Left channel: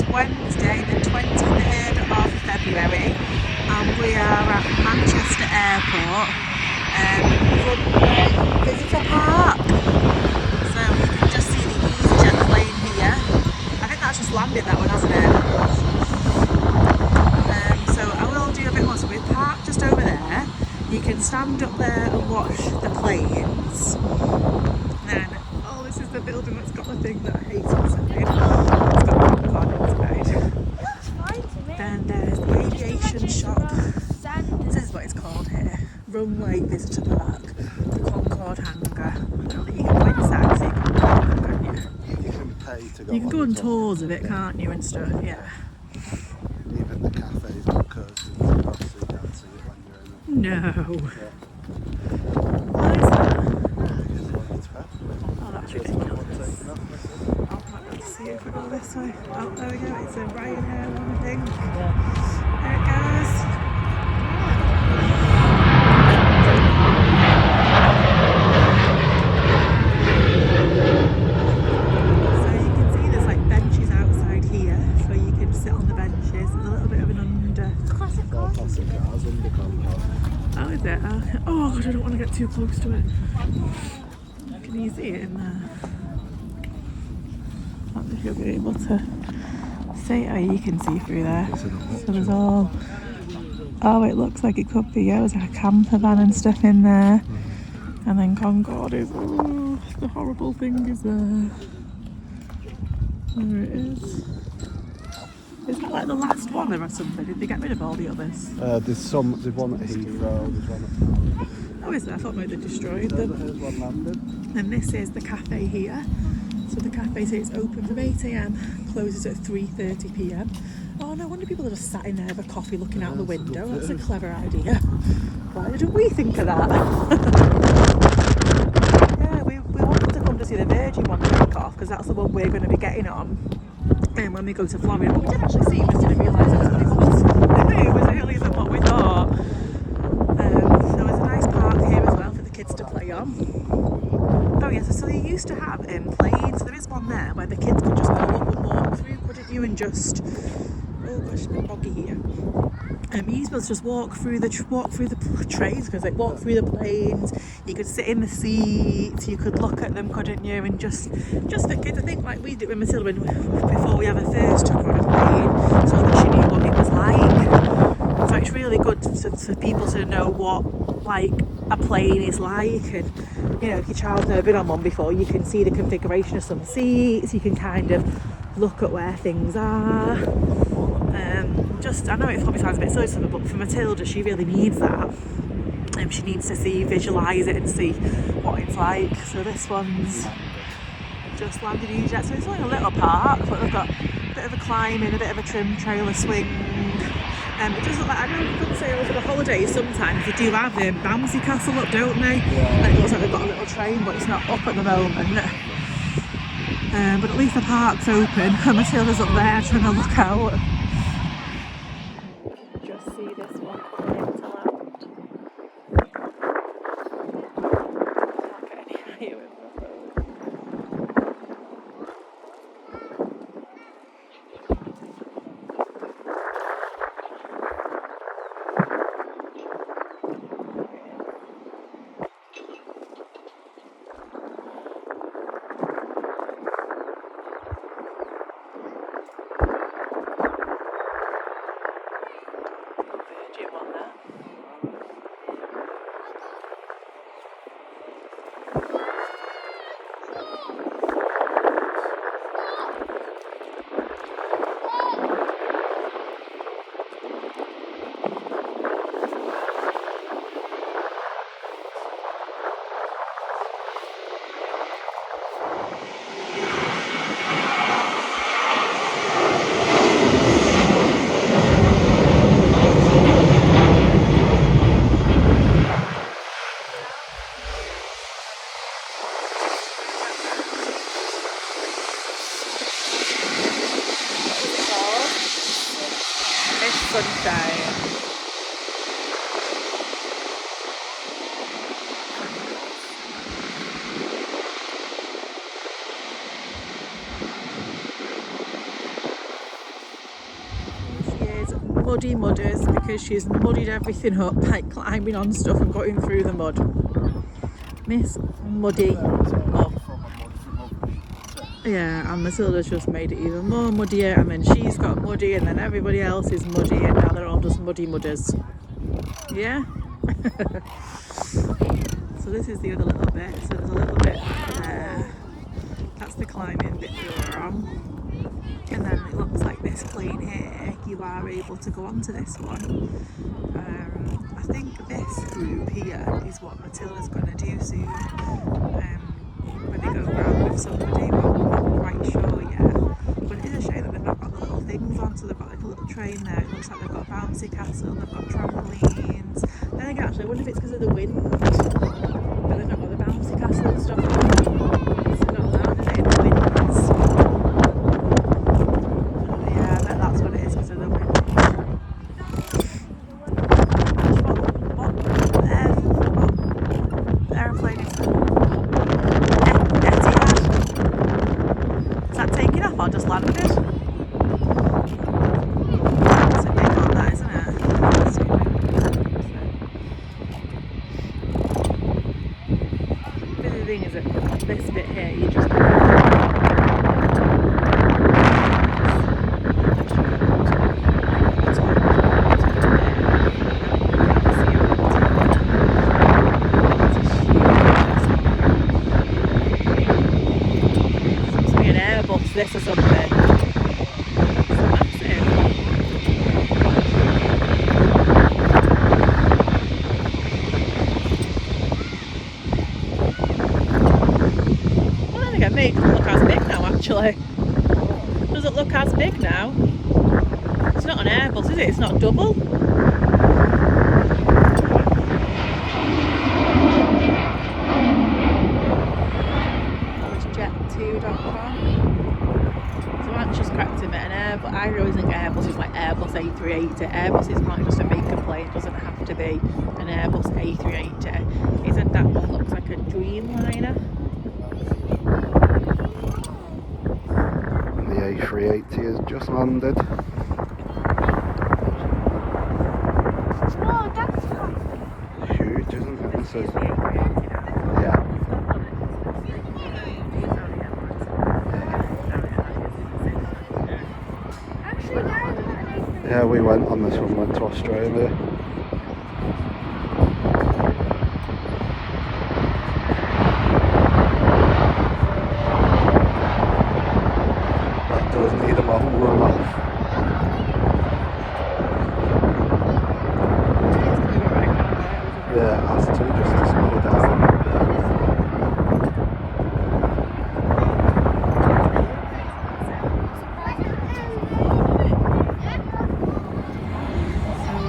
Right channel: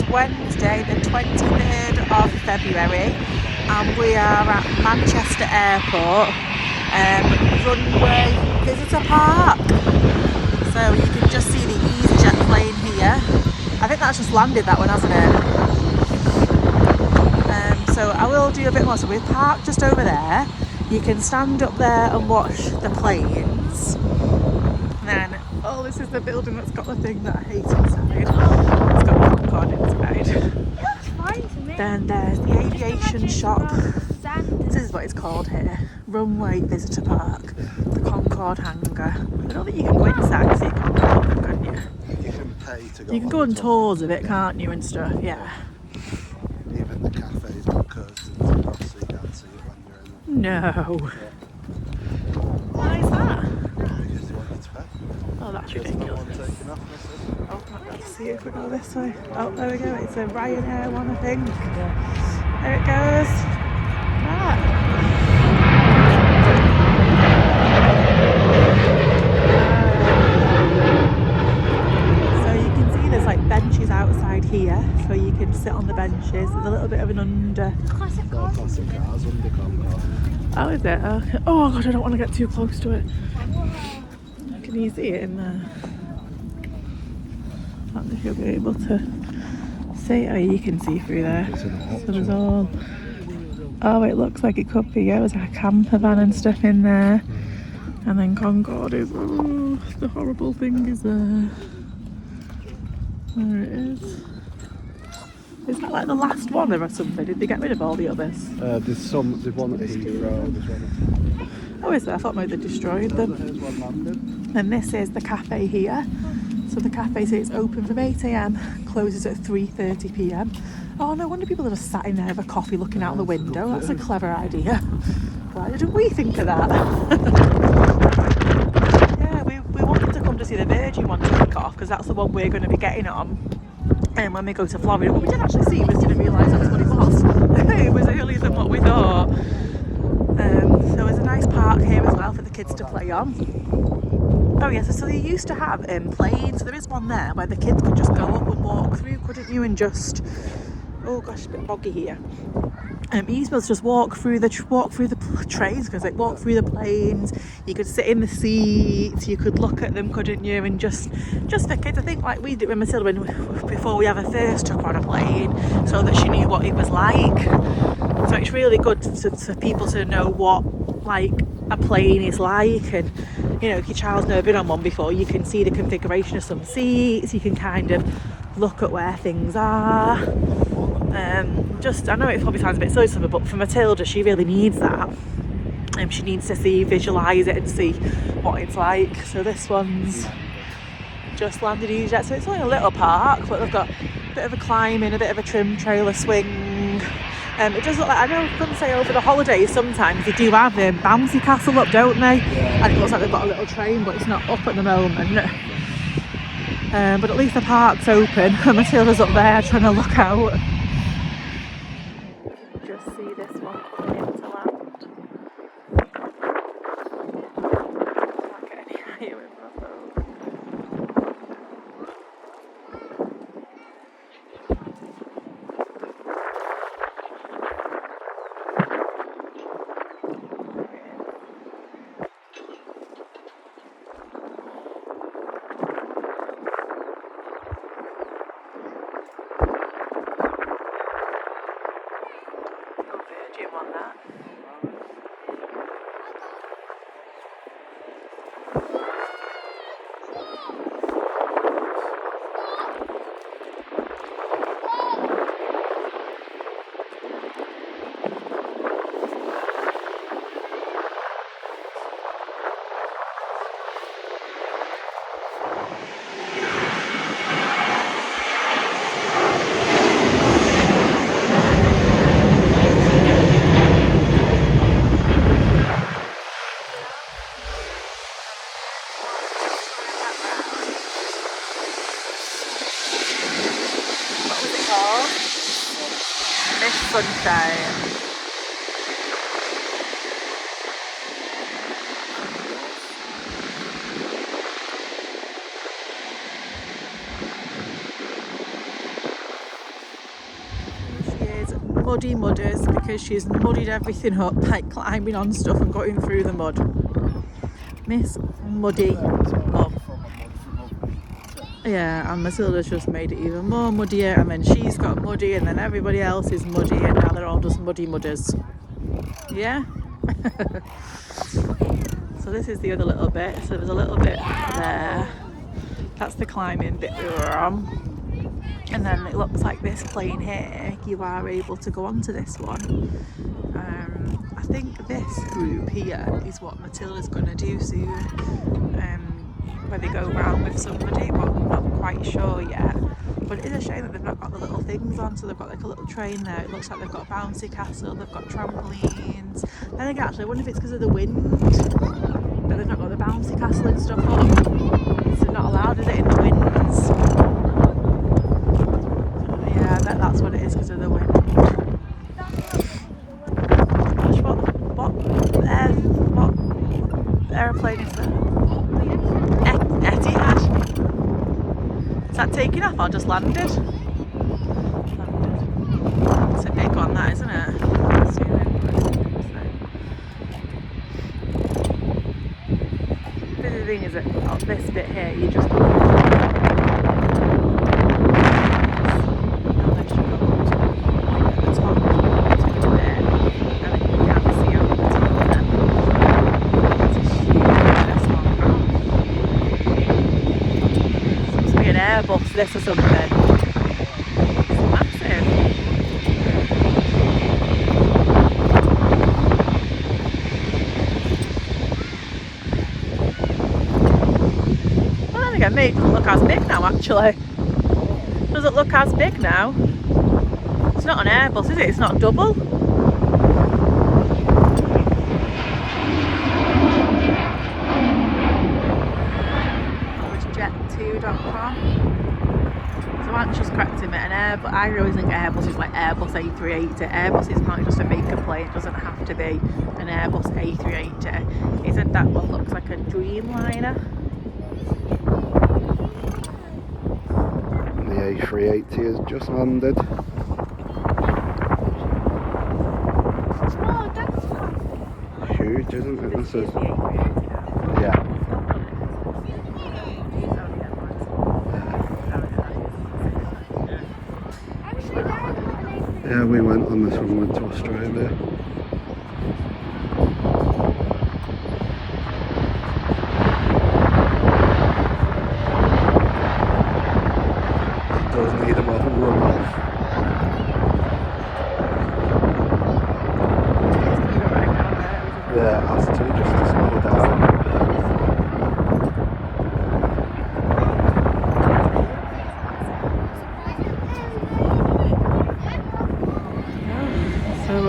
is Wednesday the 23rd of February and we are at Manchester Airport, Runway Visitor Park. So you can just see the EasyJet plane here. I think that's just landed, that one, hasn't it? So I will do a bit more. So we're parked just over there. You can stand up there and watch the planes. And then, oh, this is the building that's got the thing that I hate inside. It's got Concorde inside. Looks fine to me. Then there's the aviation shop. This is what it's called here. Runway Visitor Park. The Concorde Hangar. I don't think you can go inside to see Concorde, can you? You can pay to go. You can go on tours of it, can't you, and stuff, yeah. Even the cafe's got curtains, obviously you can't see it on your own. No. Why is that? Oh, that's ridiculous. Oh, I might be able to see it if we go this way. Oh, there we go. It's a Ryanair one, I think. There it goes. Ah. So you can see there's like benches outside here, so you can sit on the benches. There's a little bit of an under. Oh, is it? Okay. Oh god, I don't want to get too close to it. Can you see it in there? I don't know if you'll be able to see. Oh, you can see through there. So there's all. Oh, it looks like it could be. Yeah, there's like a camper van and stuff in there. And then Concorde is. Oh, the horrible thing is there. There it is. Is that like the last one or something? Did they get rid of all the others? There's one at Heathrow, there's one at... Oh, is there? I thought maybe they destroyed them. And this is the cafe here. So the cafe says it's open from 8 AM, closes at 3:30 PM. Oh no wonder people are just sat in there with a coffee looking out the window. That's a clever idea. Why didn't we think of that? Yeah, we wanted to come to see the Virgin one to kick off because that's the one we're going to be getting on. And when we go to Florida, but we did actually see this, didn't realise that's what it was. It was earlier than what we thought. There was a nice park here as well for the kids to play on. Oh yes, so they used to have planes. There is one there where the kids could just go up and walk through, couldn't you? And just, oh gosh, it's a bit boggy here. You used to just walk through the trains, because they walk through the planes. You could sit in the seats, you could look at them, couldn't you? And just the kids, I think, like we did with Matilda before we ever first took her on a plane, so that she knew what it was like. So it's really good for people to know what like a plane is like, and you know, if your child's never been on one before, you can see the configuration of some seats. You can kind of look at where things are. I know it probably sounds a bit silly, but for Matilda, she really needs that. She needs to visualise it and see what it's like. So this one's just landed EasyJet. So it's only a little park, but they've got a bit of a climbing, a bit of a trim trail, a swing. It does look like, I know, couldn't say over the holidays sometimes they do have bouncy castle up, don't they? And it looks like they've got a little train, but it's not up at the moment. But at least the park's open and Matilda's up there trying to look out. Just see this one coming into land. Can't get any higher with my phone. Sunshine. muddy mudders because she's muddied everything up by climbing on stuff and going through the mud. Miss Muddy Mum. Yeah, and Matilda's just made it even more muddier, and then she's got muddy, and then everybody else is muddy, and now they're all just muddy mudders. Yeah? So this is the other little bit. So there's a little bit there. That's the climbing bit we were on. And then it looks like this plane here, you are able to go onto this one. I think this group here is what Matilda's going to do soon, where they go round with somebody, but I'm not quite sure yet. But it is a shame that they've not got the little things on, so they've got like a little train there. It looks like they've got a bouncy castle, they've got trampolines. Then again, actually, I wonder if it's because of the wind that they've not got the bouncy castle and stuff on. It's not allowed, is it, in the winds? Yeah, I bet that's what it is, because of the wind. What aeroplane is that? Etihad. Is that taking off or just landed? It's a big one, that, isn't it? The thing is that this bit here, you just this or something. It's massive. Well, then again, maybe it doesn't look as big now, actually. Does it look as big now? It's not an Airbus, is it? It's not double. Just correct him at an air, but I always think Airbus is like Airbus A380. Airbus is not just a maker plane, it doesn't have to be an Airbus A380. Isn't that what looks like a Dreamliner? The A380 has just landed. Oh, that's Huge, isn't it? This is, yeah. yeah. Yeah, we went on this one, went to Australia. It does need a model run off. Yeah, it has to, just to slow down.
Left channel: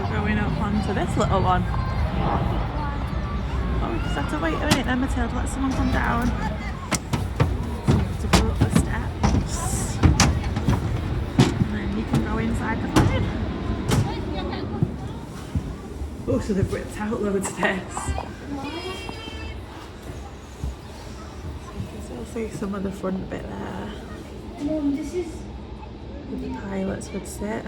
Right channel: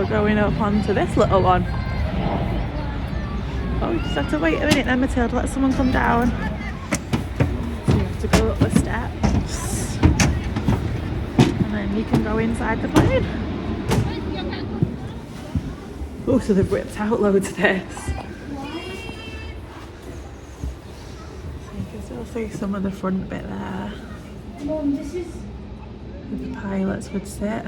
Going up onto this little one. Oh, we just have to wait a minute then, Matilda, let someone come down. So you have to go up the steps and then you can go inside the plane. Oh, so they've ripped out loads of this. So you can still see some of the front bit there. Mum, this is Where the pilots would sit.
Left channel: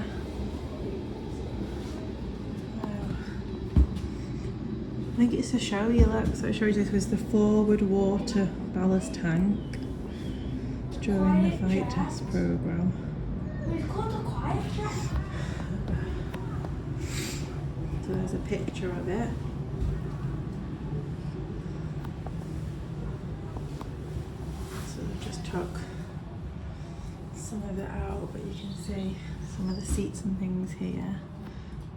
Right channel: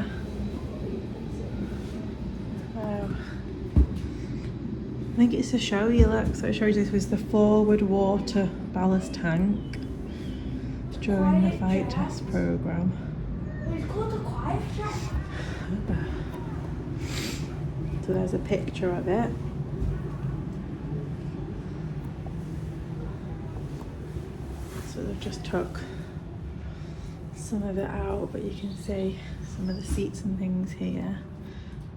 I think it's to show you, look, so it shows you this was the forward water ballast tank during the flight test programme. we've got a quiet flight. So there's a picture of it. So they've just took some of it out, but you can see some of the seats and things here.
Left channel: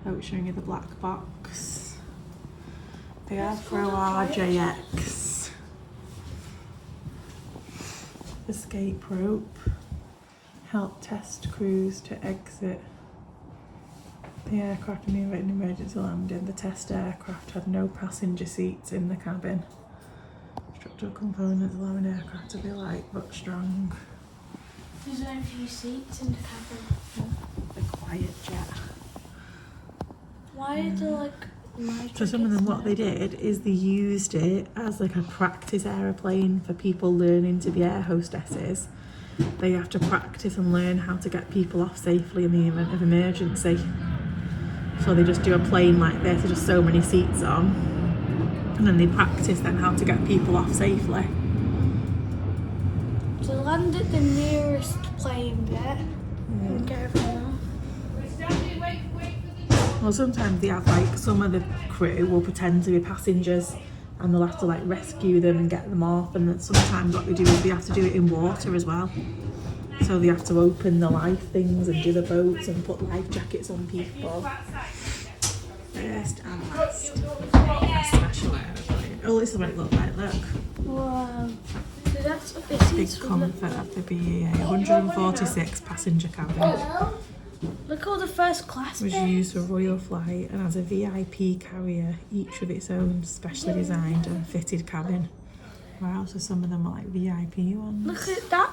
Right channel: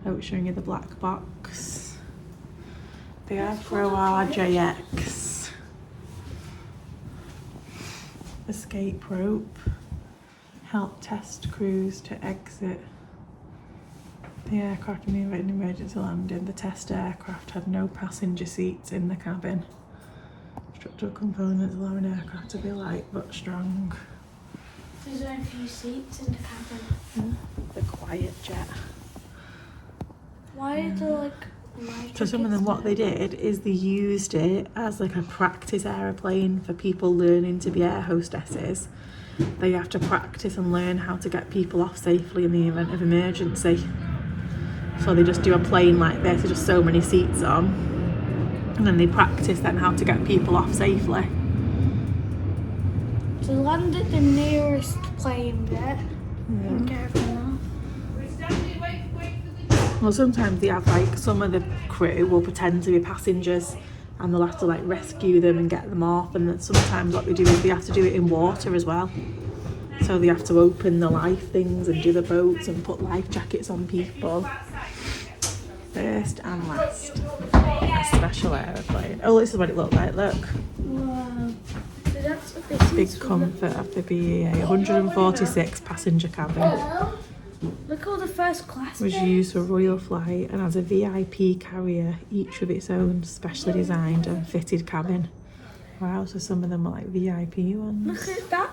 Oh, it's showing you the black box. The Avro RJX. Escape rope. Help test crews to exit the aircraft in an emergency landing. The test aircraft had no passenger seats in the cabin. Structural components allowing aircraft to be light but strong. Is there a few seats in the cabin? Yeah. The quiet jet. Why are there like... So some of them, what they did is they used it as like a practice aeroplane for people learning to be air hostesses. They have to practice and learn how to get people off safely in the event of emergency. So they just do a plane like this, with just so many seats on, and then they practice then how to get people off safely. To land at the nearest plane bit and get everyone off. Well, sometimes they have like some of the crew will pretend to be passengers and they'll have to like rescue them and get them off, and then sometimes what they do is they have to do it in water as well. So they have to open the life things and do the boats and put life jackets on people. First and last, a special aeroplane. Oh, this is what it looked like, look. Wow. So that's what this Big is. comfort of the BEA, 146 passenger cabin. Look at all the first class Was bits. used for royal flight and has a VIP carrier, each with its own specially designed and fitted cabin. Wow, so some of them are like VIP ones. Look at that.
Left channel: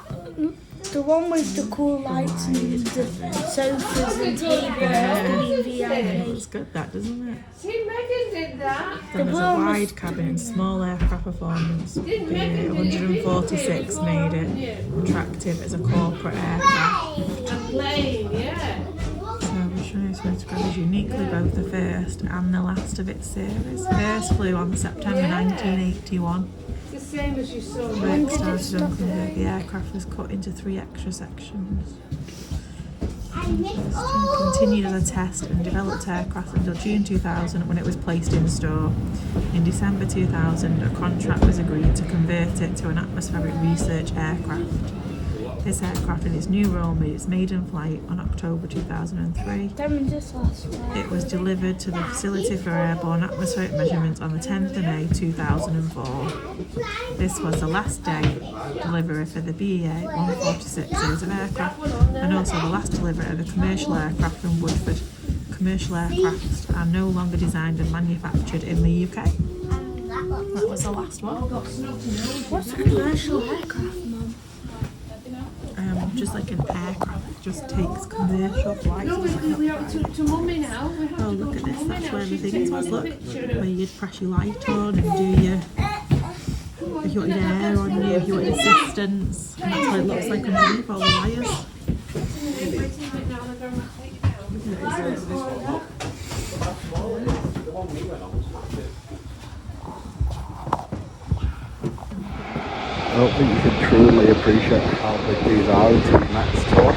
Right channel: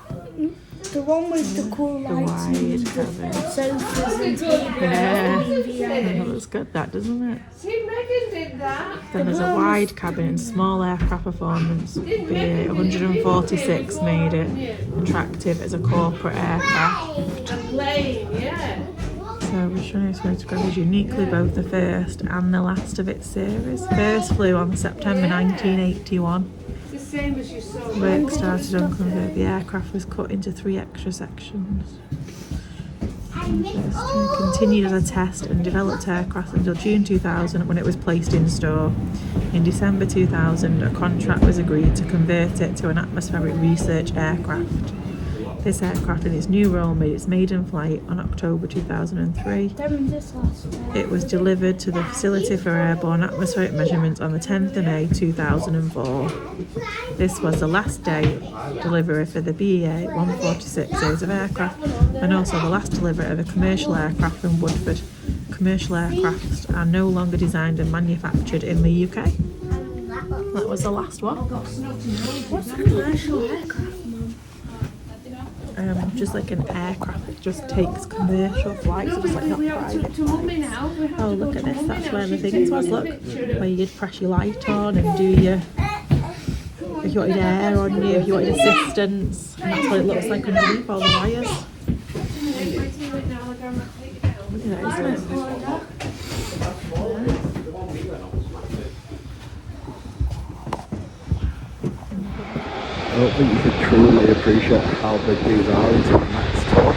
The one with the cool The lights and wide the cabin. sofas and tables. Yeah. That's the VIP. Looks good, that, doesn't it? Did that. Then there's a wide cabin and small aircraft performance. BA 146 made it attractive as a corporate aircraft. Plane, yeah. So we're showing this photograph is uniquely both the first and the last of its series. First flew on September 1981. It's the same as you saw. Work started on convert. The aircraft was cut into 3 extra sections. It continued as a test and developed aircraft until June 2000 when it was placed in store. In December 2000, a contract was agreed to convert it to an atmospheric research aircraft. This aircraft in its new role made its maiden flight on October 2003. This last one. It was delivered to the Facility for Airborne Atmospheric Measurements on the 10th of May 2004. This was the last day delivery for the BEA 146 series of aircraft and also the last delivery of a commercial aircraft from Woodford. Commercial aircraft are no longer designed and manufactured in the UK. That was the last one. What's a commercial aircraft, Mum? Just like an aircraft that just takes commercial flights, so just like not private. To mummy now. Oh, look at this, that's where the things was, look. Where you'd press your light on and do your, if you wanted air on you, if you wanted assistance. And that's what it looks like underneath all the wires. Look at that, isn't it? I don't think you could truly appreciate how big these are until the next tour. I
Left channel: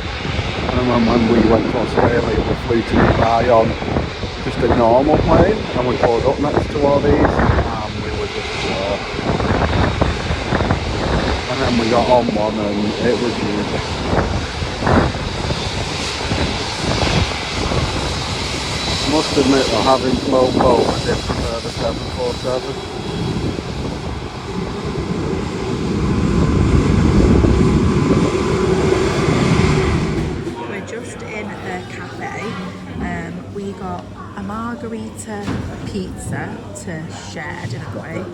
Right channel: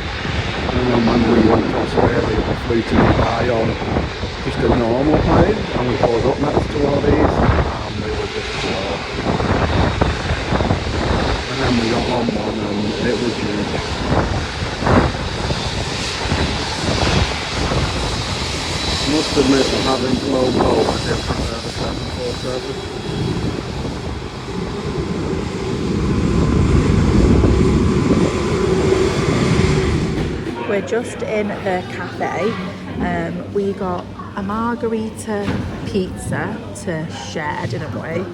remember when we went to Australia, we flew to Dubai on just a normal plane, and we pulled up next to all these, and we were just and then we got on one, and it was huge. I must admit that having flown both, I did prefer the 747. We're just in the cafe. We got a margarita pizza to share, didn't we?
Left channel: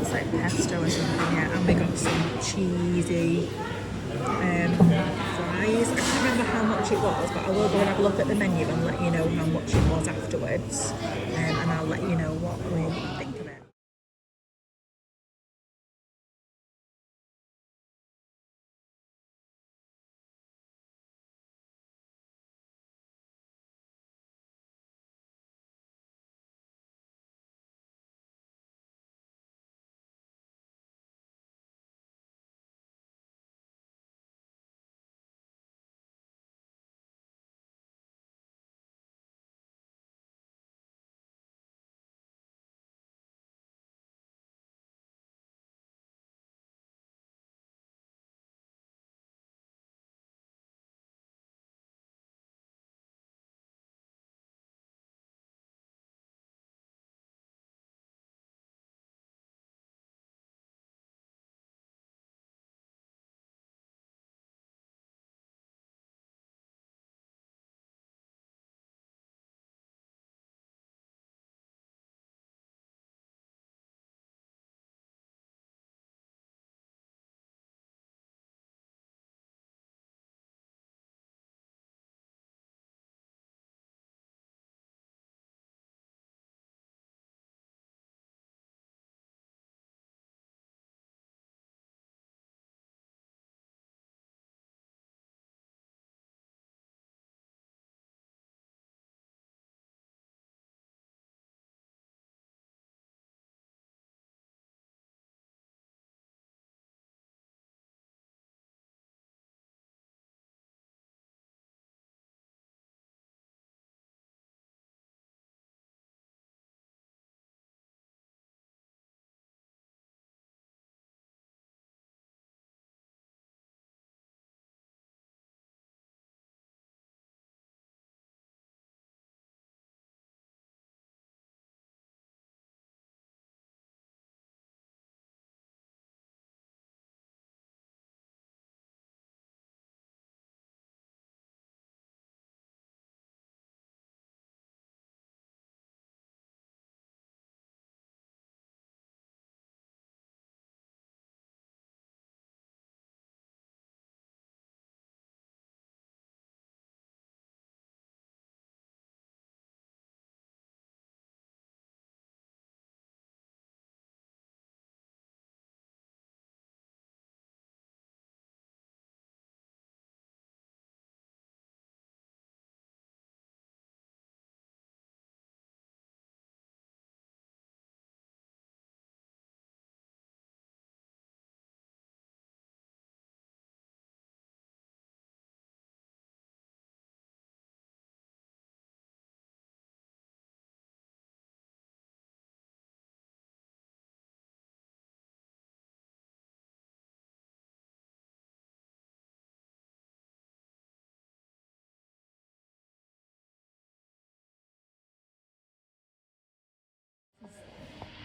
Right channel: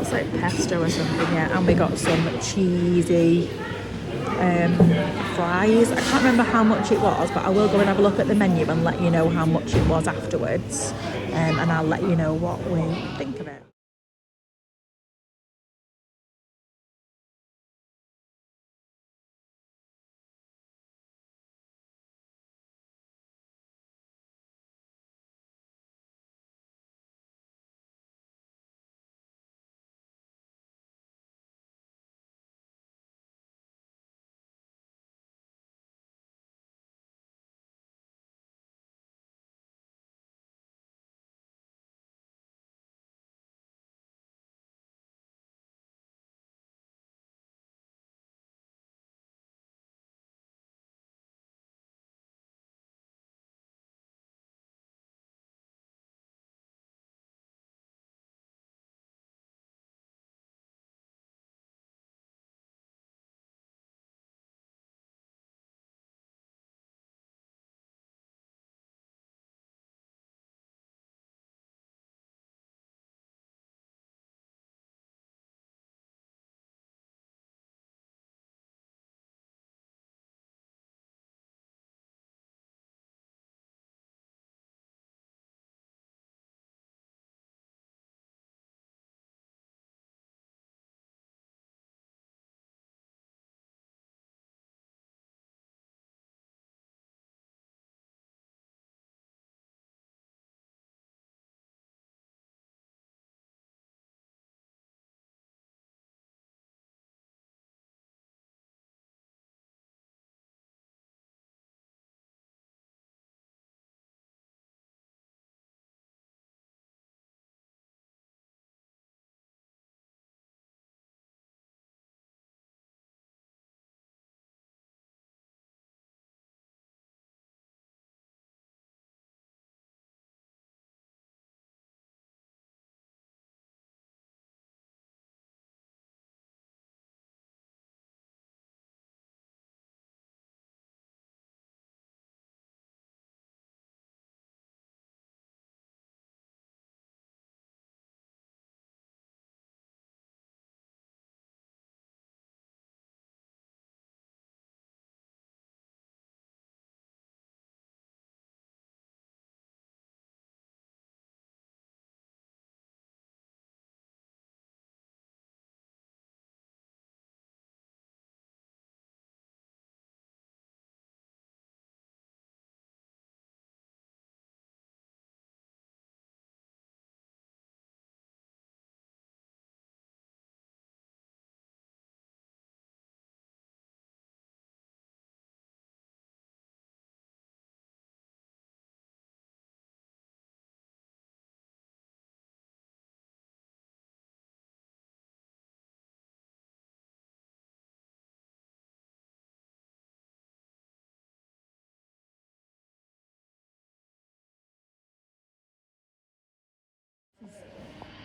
It's like pesto or something, yeah. And we got some cheesy fries. I can't remember how much it was, but I will go and have a look at the menu and let you know how much it was afterwards. And I'll let you know what we think of it.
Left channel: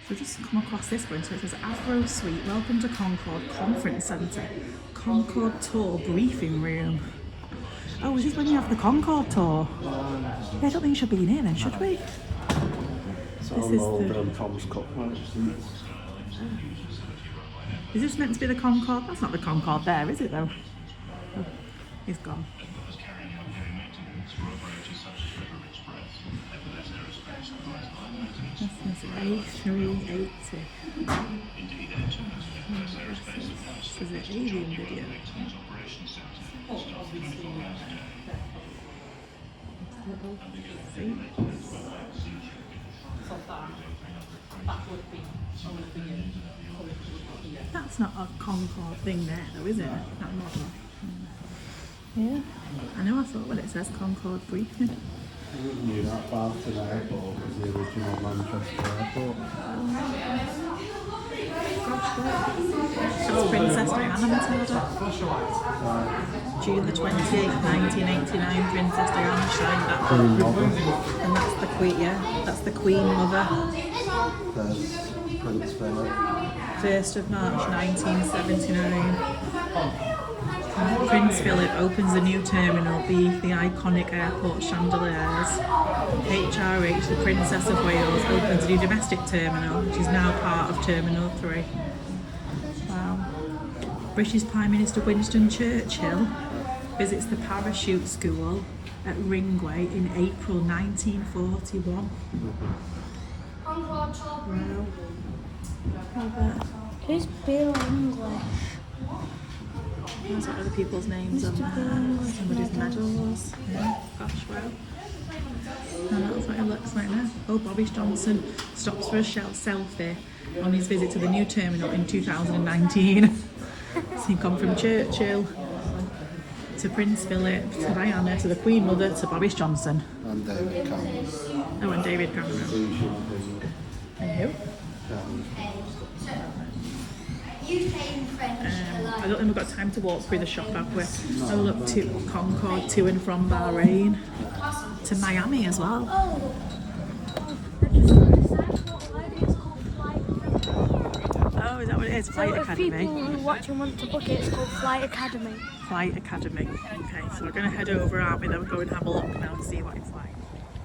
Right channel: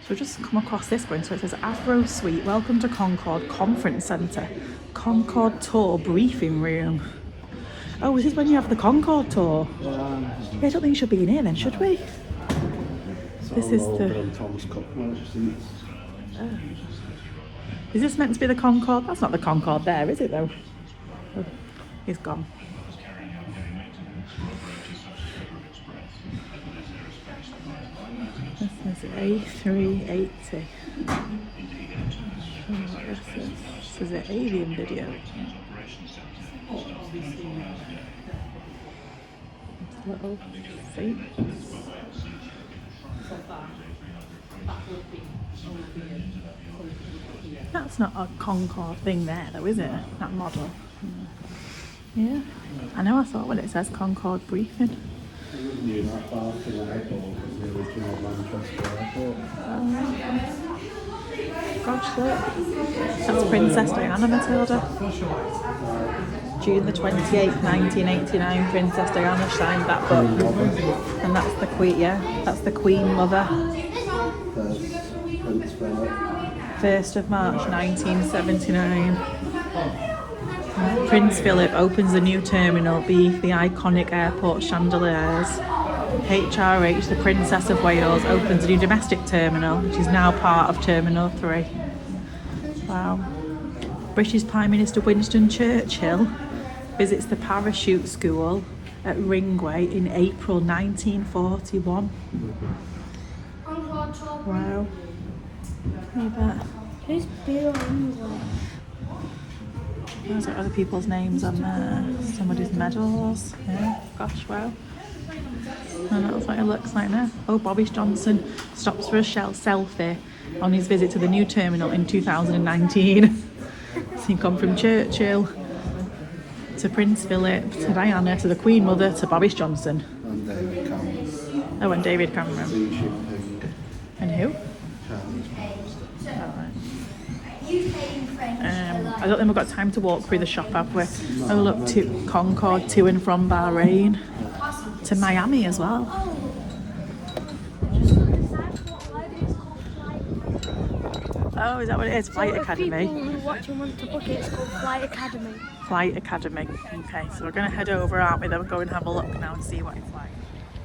So we've just come across this one. So it says Avro Suite, welcome to Concorde Conference Centre, Concorde Tour Briefing Room. Oh, is this when you have the Concorde tour? Yeah, I don't think you should be in here then, should we? This is the... Is this meant to be the Concorde? That's not the Concorde there, is it though? Oh, he's gone. This is A380. This is an avian video. Little seats. That's not a Concorde thing there though, is it? That model. Yeah. I know, I thought when it says Concorde Briefing. Gosh, look. That's Princess Diana, Matilda. June the 28th, 1989, Princess Diana signed that book. And that's the Queen, yeah, that's the Queen Mother. 1st of March 1979. Prince Philip opens the new terminal beneath the iconic airport chandeliers. HRH, the Princess of Wales, opens a new domestic terminal, which is now part of Terminal 3. Wow. British Prime Minister Winston Churchill visits the parachute school at Runway in April 1941. Wow. Who's Bill English? There's other people's names on there. Somebody's medals. Yeah, gosh, wow. And that's what it looks like now. Oh, Boris Johnson stops for a selfie on his visit to the new terminal in 2019. So he'd gone from Churchill to Prince Philip to Diana to the Queen Mother to Boris Johnson. And David Cameron. Oh, and David Cameron. And who? I don't think we've got time to walk through the shop, have we? I looked to Concorde to and from Bahrain to Miami as well. Oh, is that what it is? Flight Academy. Watching one to book it, it's called Flight Academy. Flight Academy. Okay, so we're going to head over, aren't we? Then we'll go and have a look now and see what it's like.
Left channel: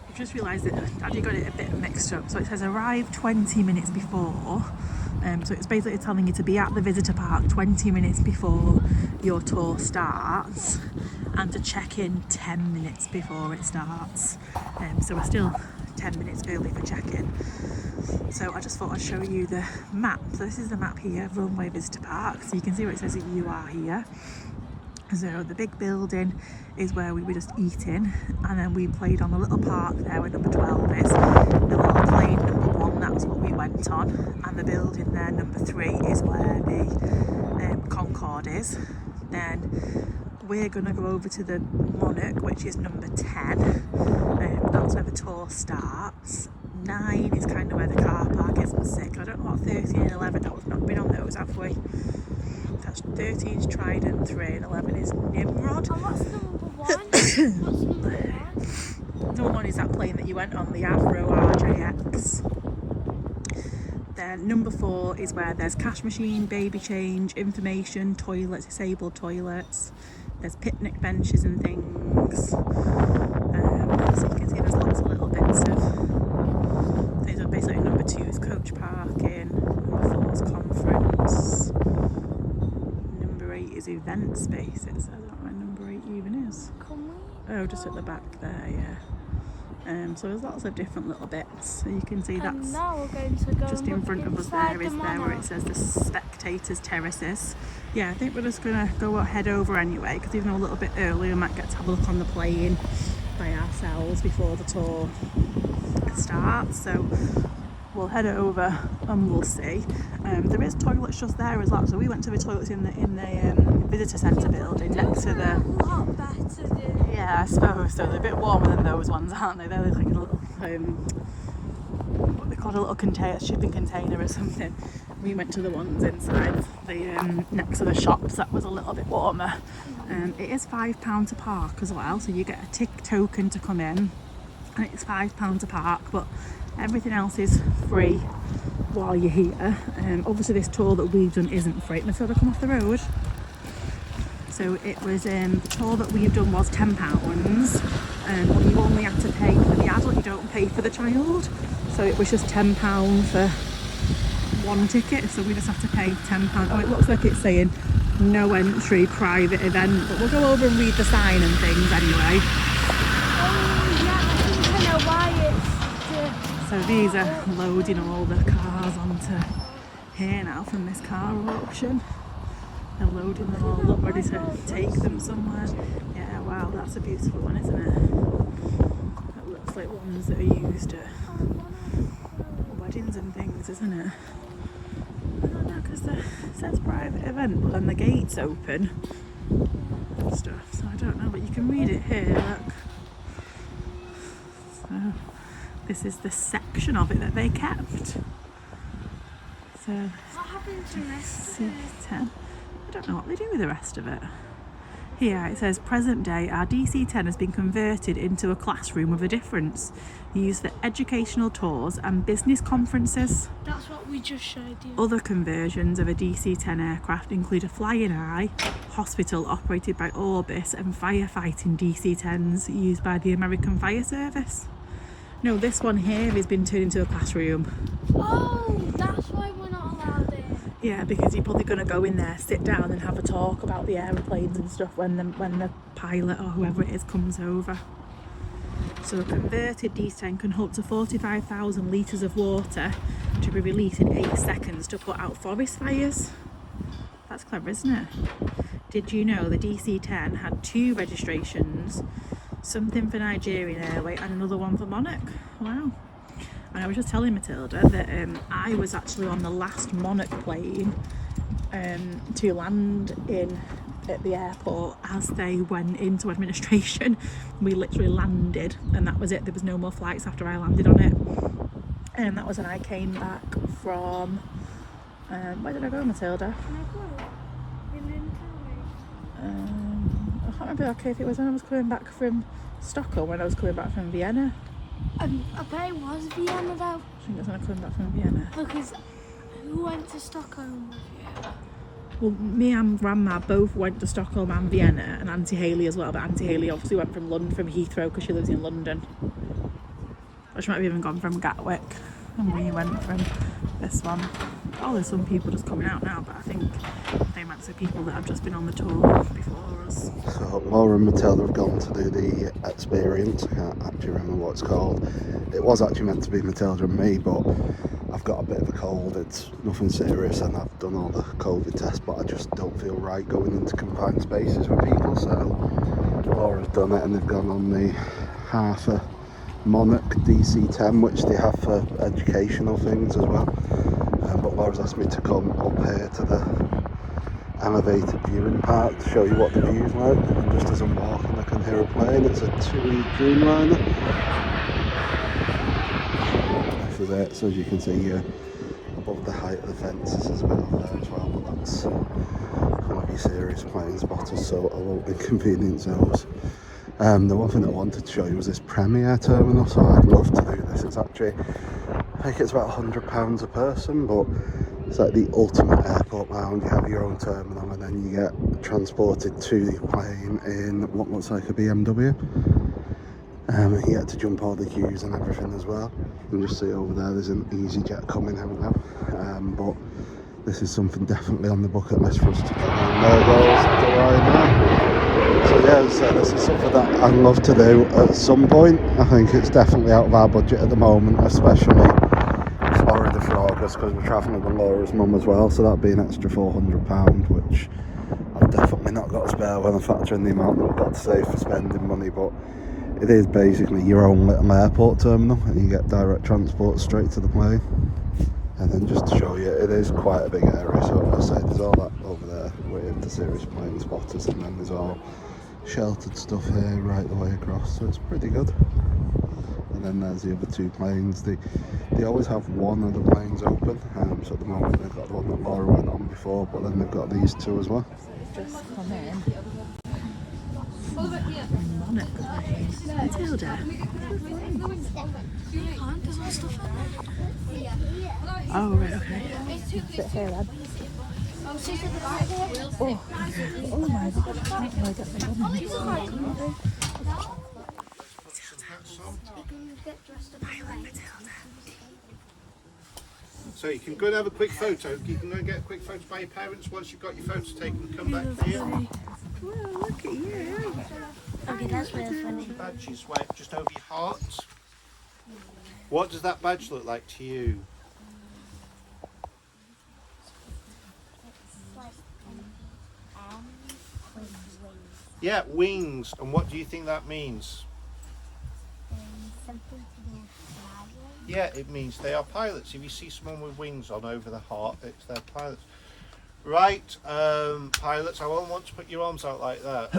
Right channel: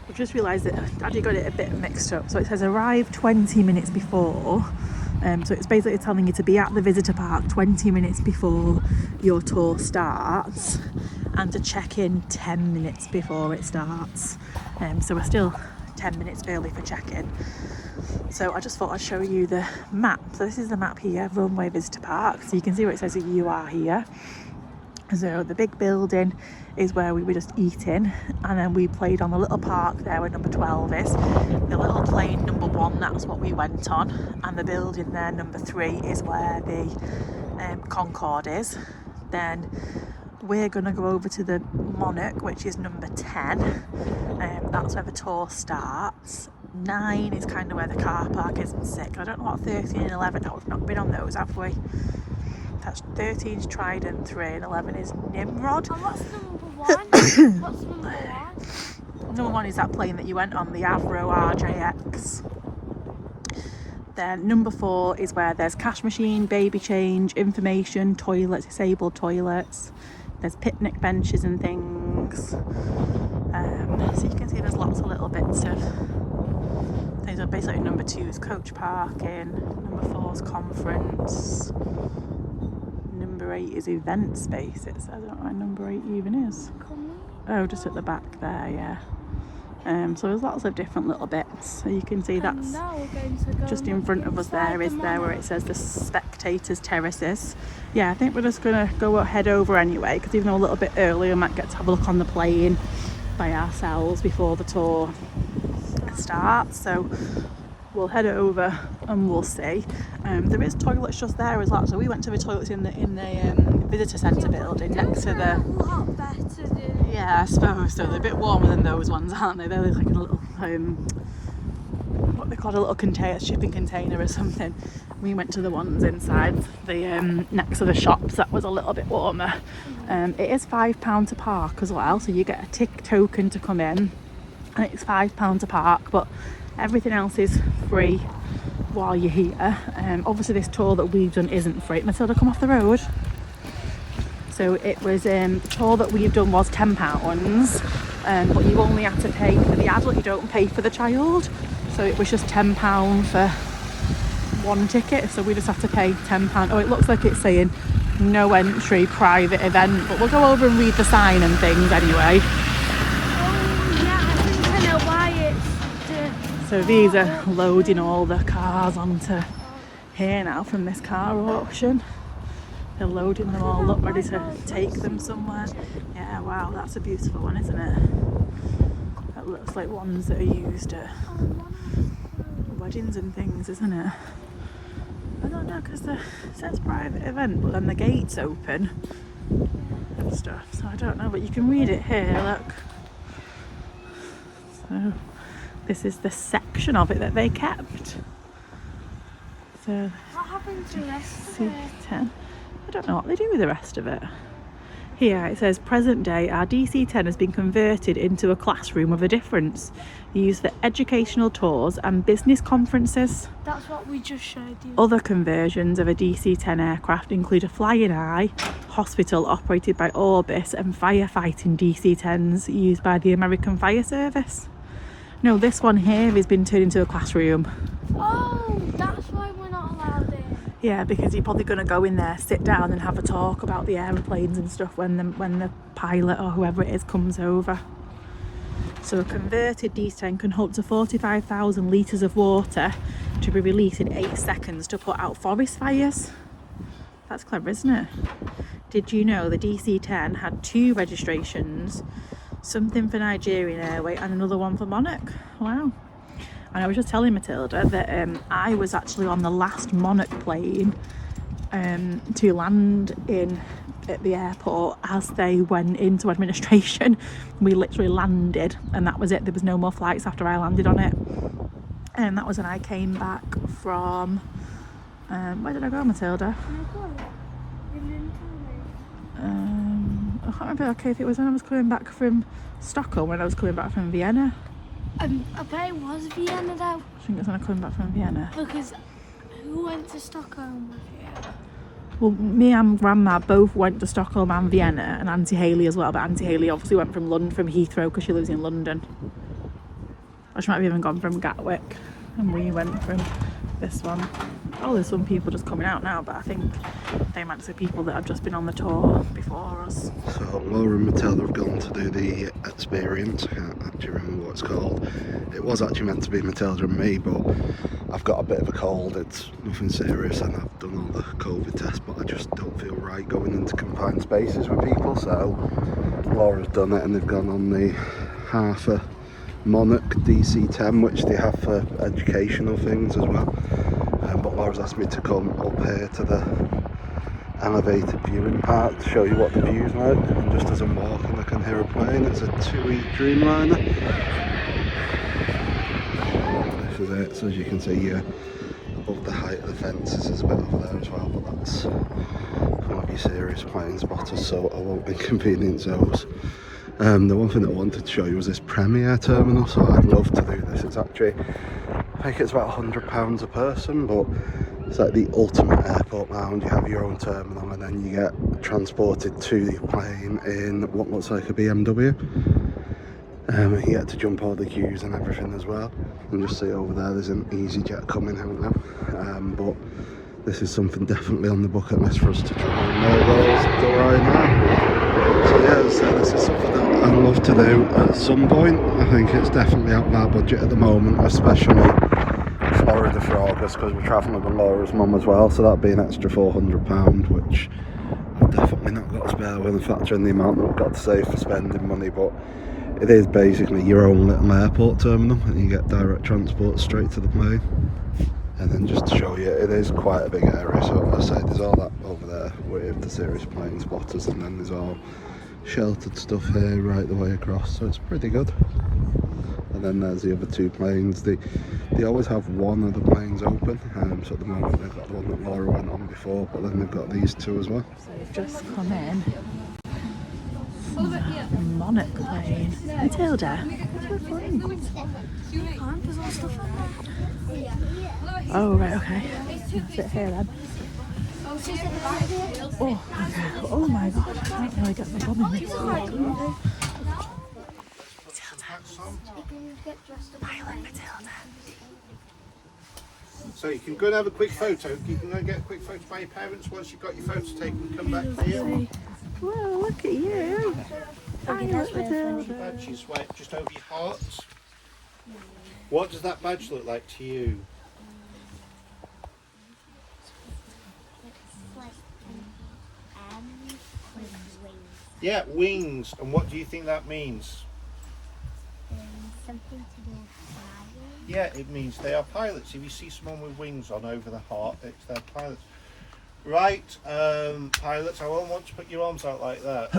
I've just realised that Daddy got it a bit mixed up. So it says arrive 20 minutes before. So it's basically telling you to be at the visitor park 20 minutes before your tour starts and to check in 10 minutes before it starts. So we're still 10 minutes early for check-in. So I just thought I'd show you the map. So this is the map here, Runway Visitor Park. So you can see where it says that you are here. So the big building is where we were just eating, and then we played on the little park there where number 12 is. The little plane number 1, that's what we went on, and the building there number 3 is where the Concorde is. Then we're going to go over to the Monarch, which is number 10. That's where the tour starts. 9 is kind of where the car park is, and 6. I don't know what 13 and 11 are. We've not been on those, have we? That's 13 is Trident 3 and 11 is Nimrod. Number 1 is that plane that you went on, the Avro RJX. Then number 4 is where there's cash machine, baby change, information, toilets, disabled toilets. There's picnic benches and things. So you can see there's lots of little bits of things. Are basically number 2 is coach parking, number 4 is conference, number 8 is event space. It says, I don't know where number 8 even is. Oh, just at the back there, yeah. So there's lots of different little bits. So you can see that's just in front of us there is there where it says the spectators terraces. Yeah, I think we're just gonna head over anyway, because even though a little bit early, we might get to have a look on the plane by ourselves before the tour starts. So we'll head over and we'll see. There is toilets just there as well. So we went to the toilets in the visitor centre building next to the. Yeah, I suppose so. They're a bit warmer than those ones, aren't they? They're like a little, what they call a little container, shipping container or something. We went to the ones inside the next to the shops. That was a little bit warmer. It is £5 to park as well, so you get a tick token to come in, and it's £5 to park, but everything else is free while you're here. Obviously this tour that we've done isn't free. Matilda, come off the road. So it was, the tour that we've done was £10, but you only have to pay for the adult, you don't pay for the child. So it was just £10 for one ticket, so we just have to pay £10. Oh, it looks like it's saying no entry, private event, but we'll go over and read the sign and things anyway. So these are loading all the cars onto here now from this car auction. They're loading them all up, ready to take them somewhere. Yeah, wow, that's a beautiful one, isn't it? That looks like ones that are used at weddings and things, isn't it? I don't know, because it says private event, but then the gate's open and stuff, so I don't know, but you can read it here, look. So this is the section of it that they kept. So What happened to the rest of it? DC-10. I don't know what they do with the rest of it. Here it says, present day, our DC-10 has been converted into a classroom of a difference, used for educational tours and business conferences. That's what we just showed you. Other conversions of a DC-10 aircraft include a flying eye, hospital operated by Orbis, and firefighting DC-10s used by the American Fire Service. No, this one here has been turned into a classroom. Oh, that's why we're not allowed in. Yeah, because you're probably going to go in there, sit down and have a talk about the airplanes and stuff when the pilot or whoever it is comes over. So a converted DC-10 can hold up to 45,000 litres of water to be released in 8 seconds to put out forest fires. That's clever, isn't it? Did you know the DC-10 had 2 registrations? Something for Nigerian Airways and another one for Monarch. Wow. And I was just telling Matilda that I was actually on the last Monarch plane to land at the airport as they went into administration. We literally landed and that was it. There was no more flights after I landed on it. And that was when I came back from, where did I go, Matilda? I can't remember, okay, if it was when I was coming back from Stockholm, when I was coming back from Vienna. I bet it was Vienna though. I think it was when I came back from Vienna. Because who went to Stockholm? Well, me and Grandma both went to Stockholm and Vienna, and Auntie Hayley as well, but Auntie Hayley obviously went from London, from Heathrow, because she lives in London. Or she might have even gone from Gatwick, and we went from this one. Oh, there's some people just coming out now, but I think they might be people that have just been on the tour before us. So Laura and Matilda have gone to do the experience. I can't actually remember what it's called. It was actually meant to be Matilda and me, but I've got a bit of a cold. It's nothing serious and I've done all the COVID tests, but I just don't feel right going into confined spaces with people. So Laura's done it and they've gone on the half a Monarch DC-10, which they have for educational things as well. But Laura's asked me to come up here to the elevated viewing part to show you what the view's like. And just as I'm walking I can hear a plane. It's a 2E Dreamliner. This is it. So as you can see above the height of the fences there's a bit over there as well, but that's going to be serious plane spotters, so I won't inconvenience those. The one thing that I wanted to show you was this Premier terminal, so I'd love to do this. It's actually, I think it's about £100 a person, but it's like the ultimate airport lounge. You have your own terminal and then you get transported to the plane in what looks like a BMW. You get to jump all the queues and everything as well. You can just see over there there's an EasyJet coming out now. But this is something definitely on the bucket list for us to try and go right now. So yeah, so this is something that I'd love to do at some point. I think it's definitely out of our budget at the moment, especially Florida for August, because we're travelling with Laura's mum as well, so that'd be an extra £400, which I've definitely not got to spare when I factor in the amount that we've got to save for spending money. But it is basically your own little airport terminal and you get direct transport straight to the plane. And then just to show you, it is quite a big area, so as I say, there's all that over there with the serious plane spotters, and then there's all sheltered stuff here right the way across, so it's pretty good. And then there's the other 2 planes. They always have one of the planes open, so at the moment they've got the one that Laura went on before, but then they've got these 2 as well. So we've just come in Monarch plane. Matilda. You can't, there's all stuff on there. Oh, right, okay. Oh, she's right here. Oh my god. So you can go and have a quick photo. You can go and get a quick photo by your parents once you've got your photo taken. Come back here. Whoa, look at you. Okay, that's really funny. Badge is right just over your heart. What does that badge look like to you? Yeah, wings. And what do you think that means? Something to do with fire. Yeah, it means they are pilots. If you see someone with wings on over the heart, it's their pilots. Right, pilots, I won't want to put your arms out like that.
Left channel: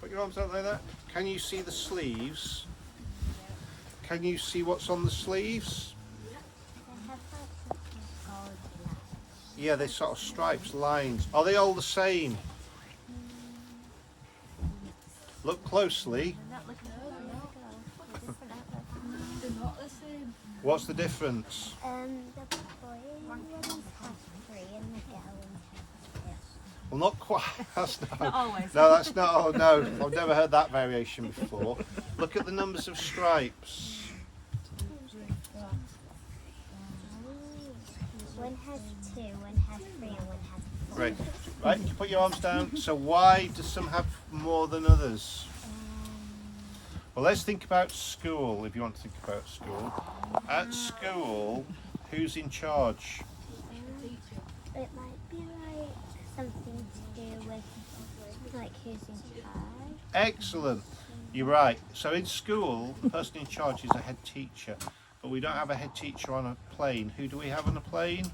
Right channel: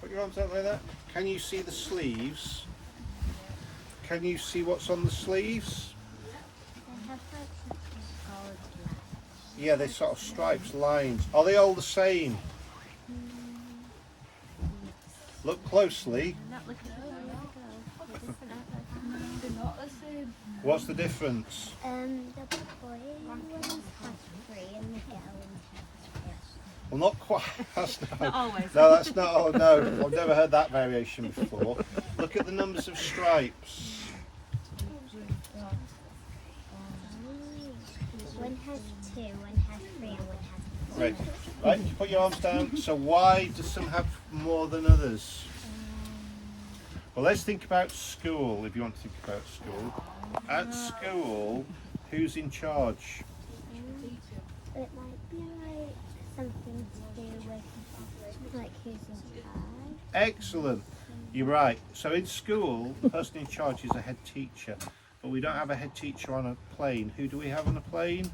Put your arms out like that. Can you see the sleeves? Can you see what's on the sleeves? They have like something gold lines. Yeah, they're sort of stripes, lines. Are they all the same? Look closely. I'm not looking for them. What's the difference? The boy ones have 3 and the girl ones have 2. Well, not quite. That's not always. No, that's not. Oh no, I've never heard that variation before. Look at the numbers of stripes. One has 2, one has 3, and one has 4. Right, right. You put your arms down. So why do some have more than others? Well, let's think about school. If you want to think about school, at school, who's in charge? It might be like something to do with like who's in charge. Excellent. You're right. So in school, the person in charge is a head teacher, but we don't have a head teacher on a plane. Who do we have on a plane?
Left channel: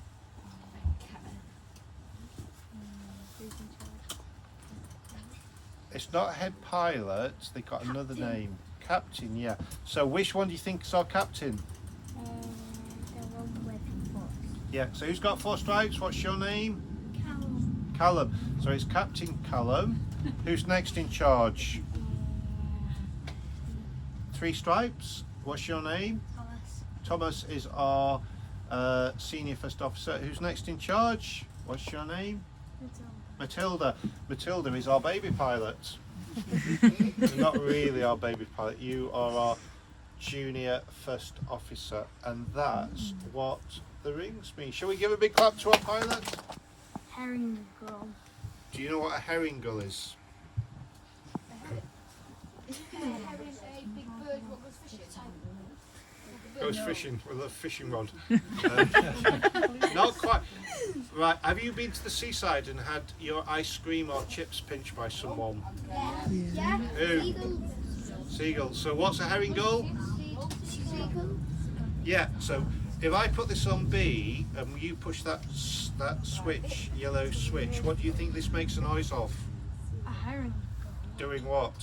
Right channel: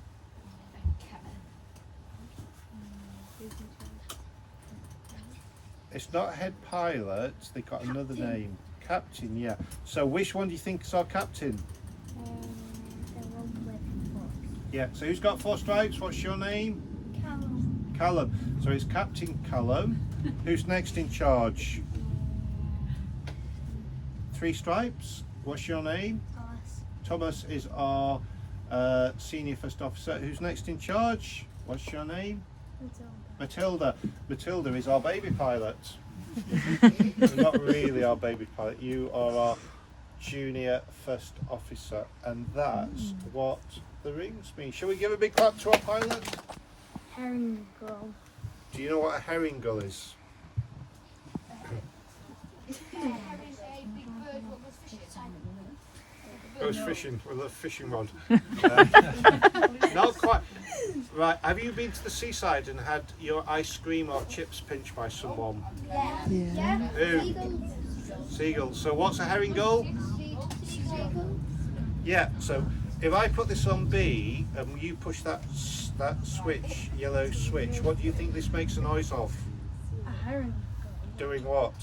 It's not a head pilot. They've got another name. Captain, yeah. So which one do you think is our captain? The one with 4. Yeah. So who's got 4 stripes? What's your name? Callum. So it's Captain Callum. Who's next in charge? 3 stripes. What's your name? Thomas is our senior first officer. Who's next in charge? What's your name? Matilda. Matilda is our baby pilot. You're not really our baby pilot. You are our junior first officer, and that's what the rings mean. Shall we give a big clap to our pilot? Herring gull. Do you know what a herring gull is? Goes fishing with a fishing rod. Not quite. Right, have you been to the seaside and had your ice cream or chips pinched by someone? Yeah. Who? Seagull. So what's a herring gull? Yeah, so if I put this on B and you push that switch, yellow switch, what do you think this makes a noise of? A herring gull. Doing what?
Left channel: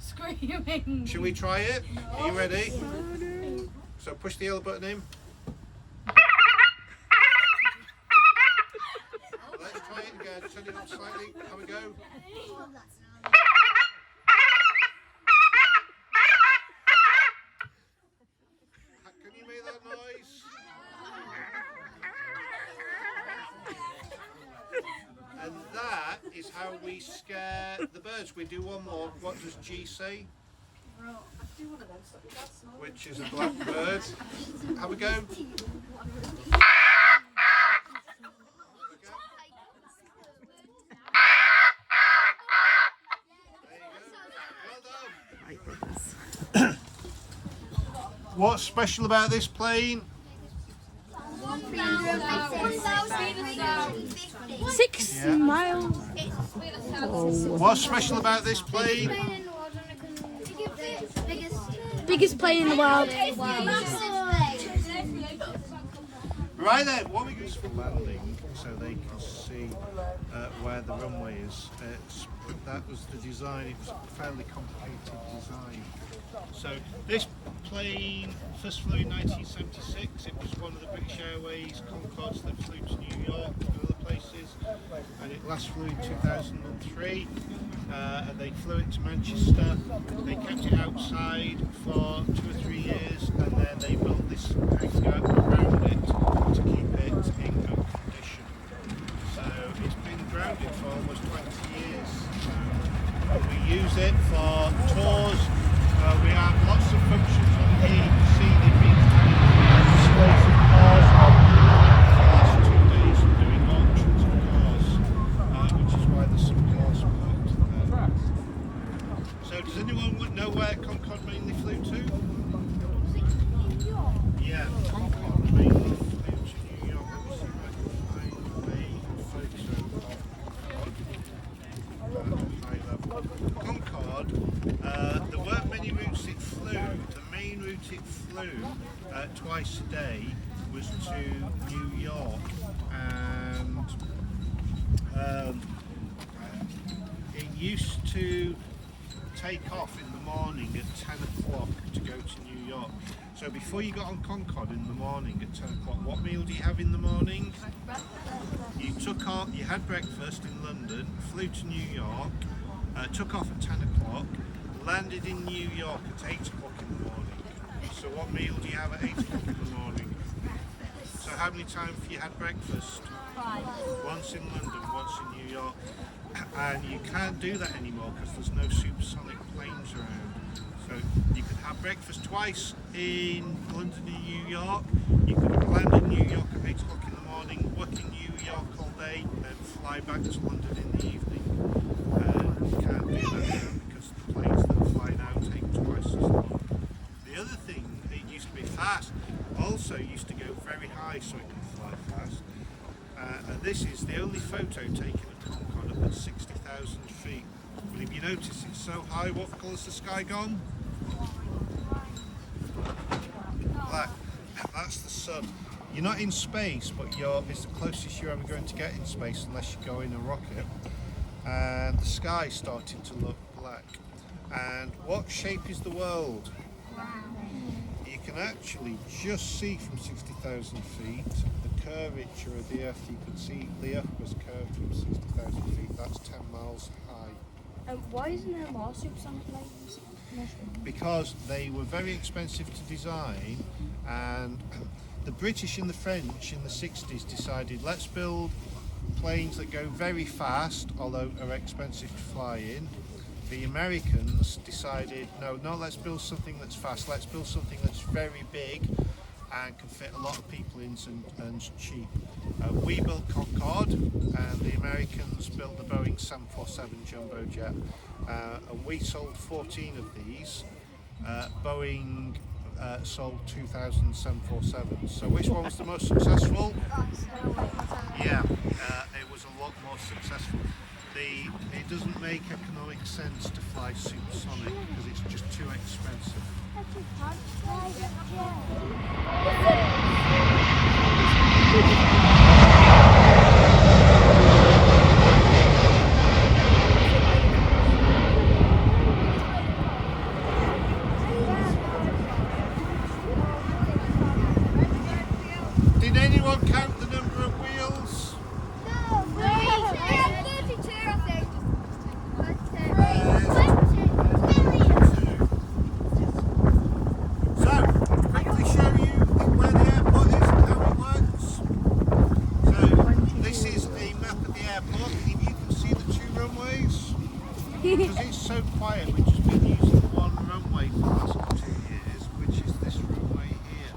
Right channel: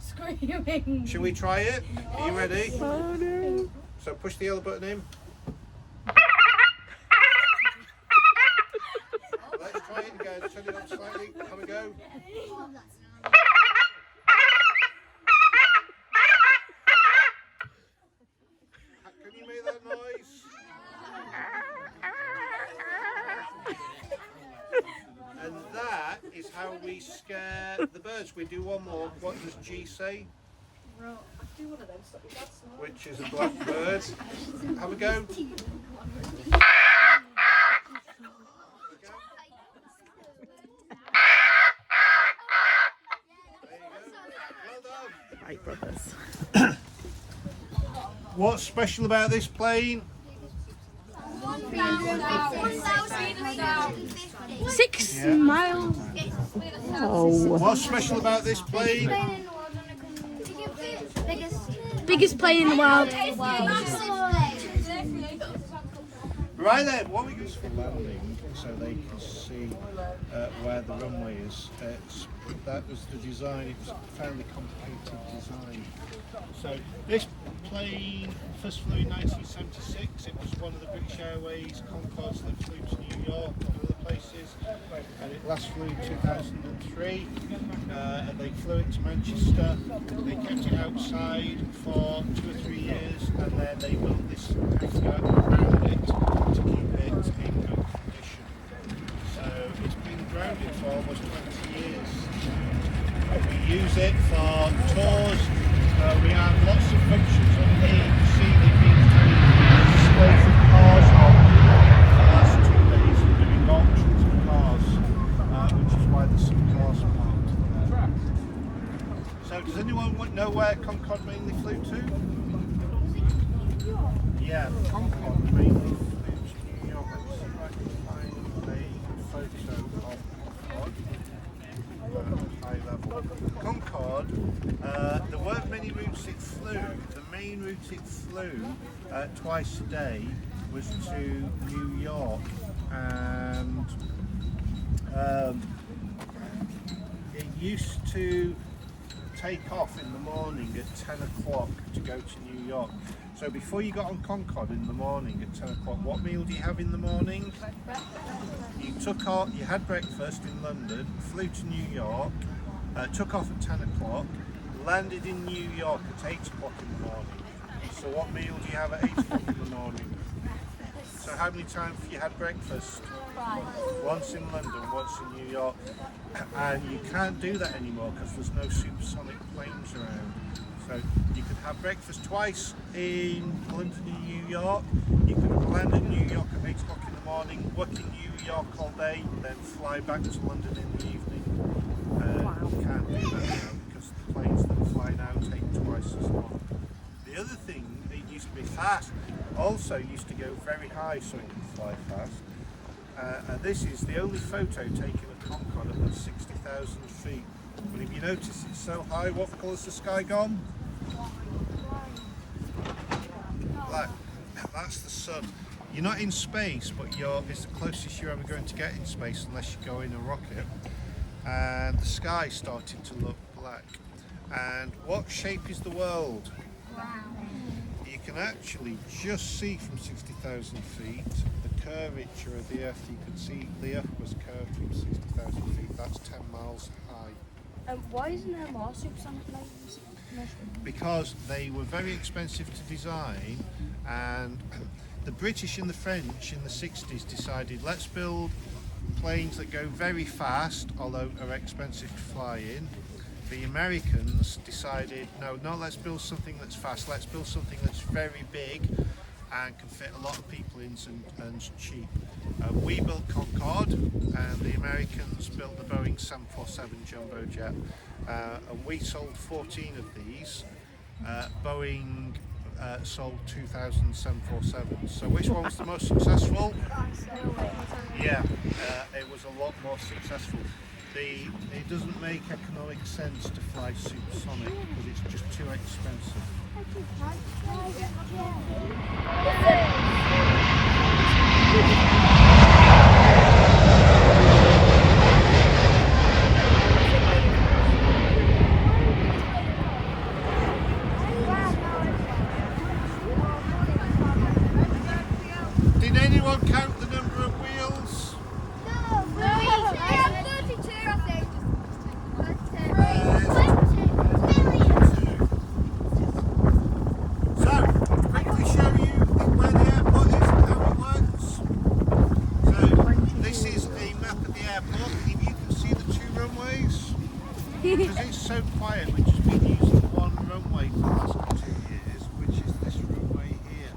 Screaming. Should we try it? Are you ready? Oh no. So push the yellow button in. Let's try it again. Turn it up slightly. Have a go. Can you make that noise? And that is how we scare the birds. We do one more. What does G say? Which is a black bird. Have a go. Right, brothers. What's special about this plane? 6 Yeah. miles. Oh. What's special about this plane? Biggest plane in the world. Right then, what we use for landing, so they can see where the runway is. That was the design. It was a fairly complicated design. So this plane first flew in 1976. It was one of the British Airways Concordes that flew to New York and other places, and it last flew in 2003. 1983, and they flew it to Manchester. They kept it outside for 2 or 3 years, and then they built this hangar around it to keep it in good condition. So it's been grounded for almost 20 years. We use it for tours. We have lots of functions on here. You can see they've been disposing cars for the last 2 days. We're doing auctions of cars, which is why there's some cars parked there. So does anyone know where Concorde mainly flew to? Yeah, Concorde mainly flew to New York. Let me see if I can find a photo of Concorde. High level. Concorde, there weren't many routes it flew. The main route it flew twice a day was to New York, and it used to take off in the morning at 10 o'clock to go to New York. So before you got on Concorde in the morning at 10 o'clock, what meal do you have in the morning? You took off, you had breakfast in London, flew to New York, took off at 10 o'clock, landed in New York at 8 o'clock in the morning. So what meal do you have at 8 o'clock in the morning? So how many times have you had breakfast? Once in London, once in New York. And you can't do that anymore because there's no supersonic planes around. So you could have breakfast twice in London and New York. You could land in New York at 8 o'clock in the morning, work in New York all day, then fly back to London in the evening. You can't do that now because the planes that fly now take twice as long. The other thing, it used to be fast. Also used to go very high so it could fly fast. And this is the only photo taken at Concorde up at 60,000 feet. But if you notice, it's so high. What colour's the sky gone? Black. That's the sun. You're not in space, but it's the closest you're ever going to get in space unless you go in a rocket. And the sky started to look black. And what shape is the world? You can actually just see from 60,000 feet the curvature of the Earth. You could see the Earth was curved from 60,000 feet. That's 10 miles high. Why isn't there more supersonic planes? Because they were very expensive to design, and the British and the French in the 60s decided, let's build planes that go very fast, although are expensive to fly in. The Americans decided, no, let's build something that's fast, let's build something that's very big and can fit a lot of people in and cheap. We built Concorde, and the Americans built the Boeing 747 jumbo jet, and we sold 14 of these. Boeing sold 2,000 747s. So which one was the most successful? Yeah, it was a lot more successful. It doesn't make economic sense to fly supersonic because it's just too expensive. Did anyone count the number of wheels? Because it's so quiet, we've just been using one runway for the last 2 years, which is this runway here.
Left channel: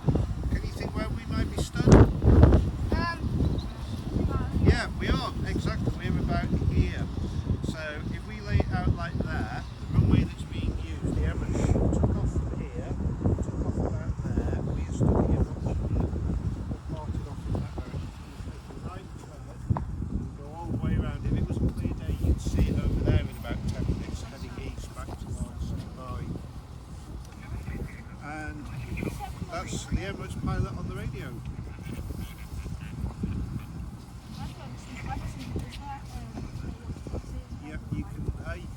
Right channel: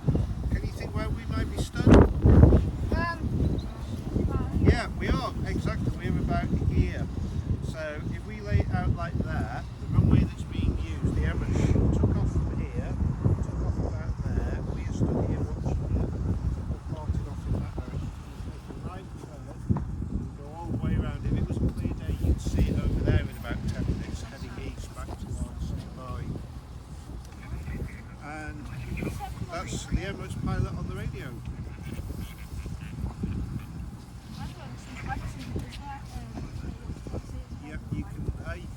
Can you think where we might be stood? Yeah, we are, exactly, we're about here. So if we lay it out like that, the runway that's being used, the average took off from here, took off down there, we are stood here from here. Go all the way around. If it was a clear day, you'd see it over there in about 10 minutes, heading east back towards Dubai. And that's the Emirates pilot on the radio. Yeah, you can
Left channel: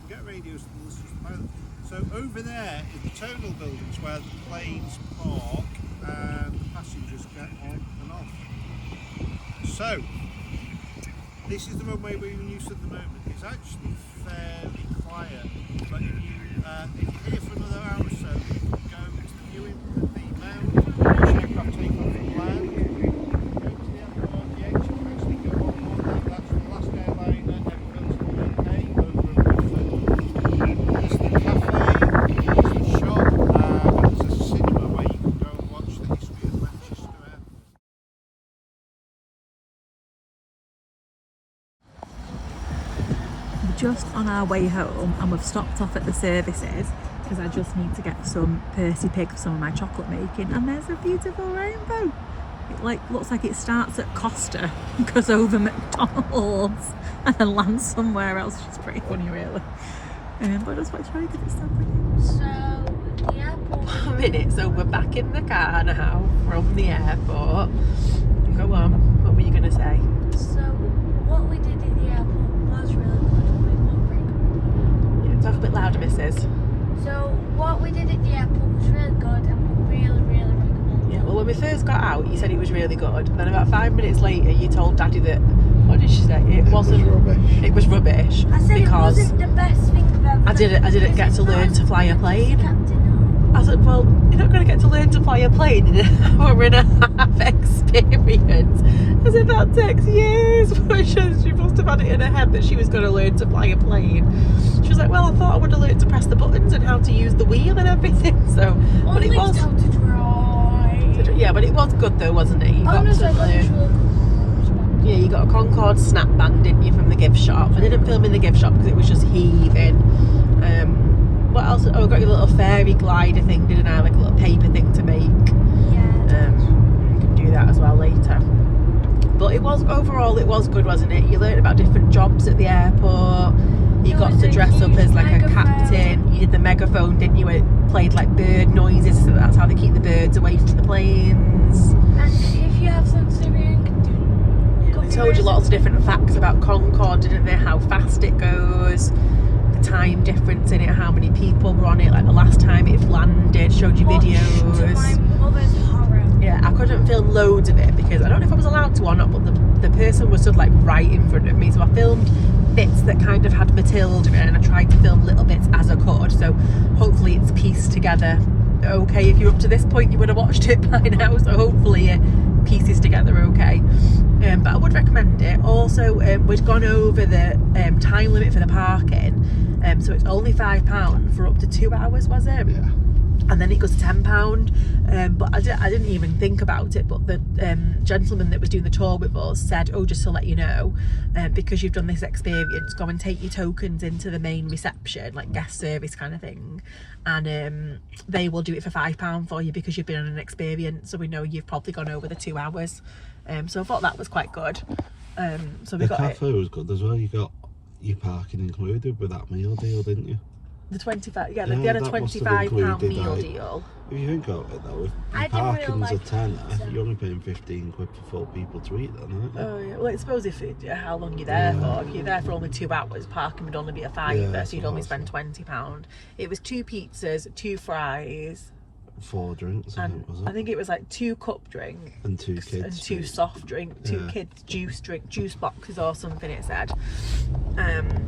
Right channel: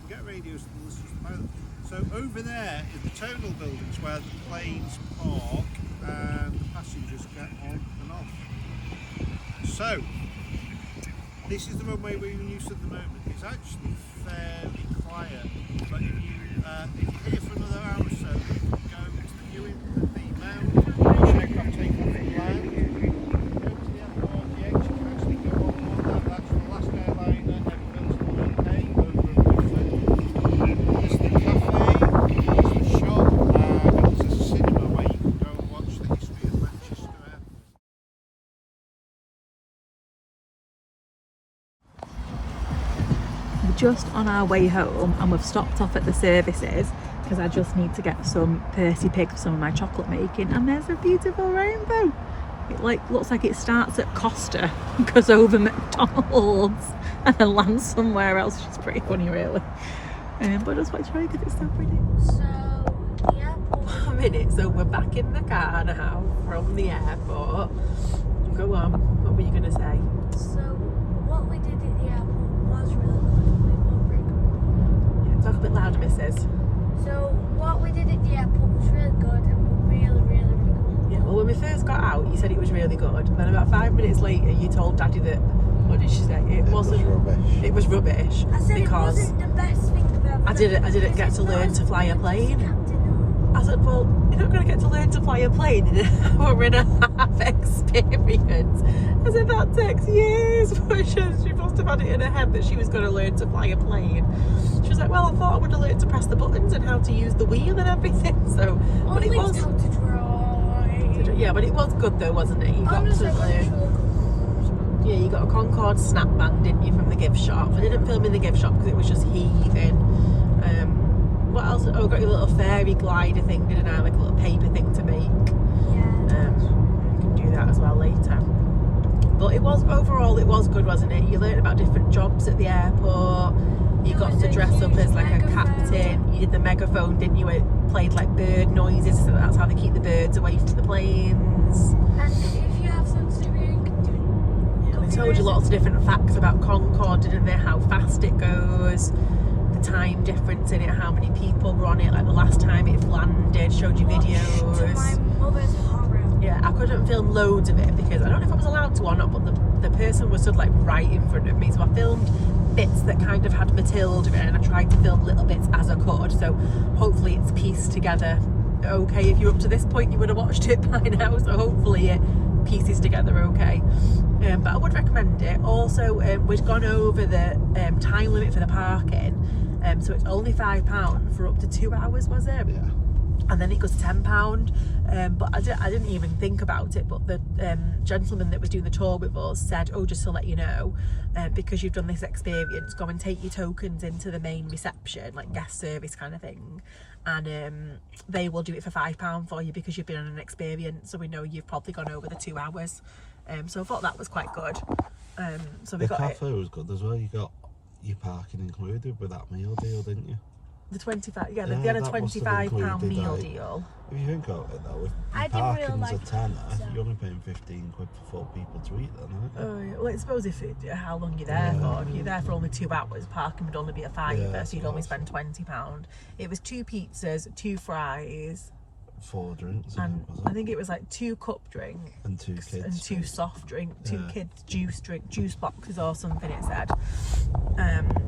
get radios from the pilot. So over there in the tonal buildings where the planes park and the passengers get on and off. So This is the runway we're in use at the moment. It's actually fairly quiet, but if you're here for another hour or so, you can go to the viewing of the mount, watch aircraft take off and land. Go to the Avro RJX, you can actually go on board that. That's the last airliner ever built in the UK over at Runway. There's the cafe, there's the shop, and there's a cinema where you can go and watch the history of Manchester Airport. We're just on our way home and we've stopped off at the services because I just need to get some Percy Pig for some of my chocolate making, and there's a beautiful rainbow. It looks like it starts at Costa, goes over McDonald's and then lands somewhere else, which is pretty funny really. But I just want to show you because it's so pretty. So, the airport. 1 minute, so we're back in the car now from the airport. Go on, what were you going to say? So, what we did at the airport was really good, but we weren't very good. Yeah, talk a bit louder, missus. So, what we did at the airport was really good and we really, really recommend it. Yeah, well, when we first got out, you said it was really good. Then about 5 minutes later, you told Daddy that, what did she say? It wasn't, it was rubbish. I said because it wasn't the best thing I've ever I didn't get to learn to fly a plane. Captain. I said, well, you're not going to get to learn to fly a plane in an hour and a half experience. I said, that takes years. She must have had it in her head that she was going to learn to fly a plane. She was like, well, I thought I would have learned to press the buttons and how to use the wheel and everything. So, but it was, How to drive. yeah, but it was good though, wasn't it? You got Honestly, to learn. Yeah, you got a Concorde snapband, didn't you, from the gift shop? I didn't film in the gift shop because it was just heaving. What else? Oh, I got your little fairy glider thing, didn't I? Like a little paper thing to make. Yeah. You can do that as well later. But it was, overall, it was good, wasn't it? You learned about different jobs at the airport. You There got was to a dress up huge as like a megaphone. captain. You did the megaphone, didn't you? It played like bird noises, so that's how they keep the birds away from the planes. And if you have sensitive hearing, They told you lots of different facts about Concorde, didn't they? How fast it goes, the time difference in it, how many people were on it, like the last time it landed, showed you to my videos. mother's horror. Yeah, I couldn't film loads of it because I don't know if I was allowed to or not, but the person was stood like right in front of me, so I filmed bits that kind of had Matilda in it and I tried to film little bits as I could, so hopefully it's pieced together okay. If you're up to this point you would have watched it by now, so hopefully it pieces together okay. But I would recommend it. Also, we'd gone over the time limit for the parking, so it's only £5 for up to 2 hours, was it? Yeah. And then it goes to £10. But I didn't even think about it, but the gentleman that was doing the tour with us said, oh, just to let you know, because you've done this experience, go and take your tokens into the main reception, like guest service kind of thing, and they will do it for £5 for you because you've been on an experience, so we know you've probably gone over the 2 hours. So I thought that was quite good. So we got it. The cafe was good as well. You got your parking included with that meal deal, didn't you? The 25, yeah, Yeah, they had a that must have £25 included, meal like, deal. If you think about it though, if I didn't really parking's like a tenner, pizza. you're only paying 15 quid for 4 people to eat then, aren't you? Oh yeah, well I suppose if how long you're there for. If you're there for only 2 hours, parking would only be a fiver, Yeah, so you'd only spend £20. It was 2 pizzas, 2 fries, 4 drinks, and was I it? think it was like 2 cup drinks And 2 kids. and 2 soft drinks, 2 Yeah. kids juice boxes or something it said.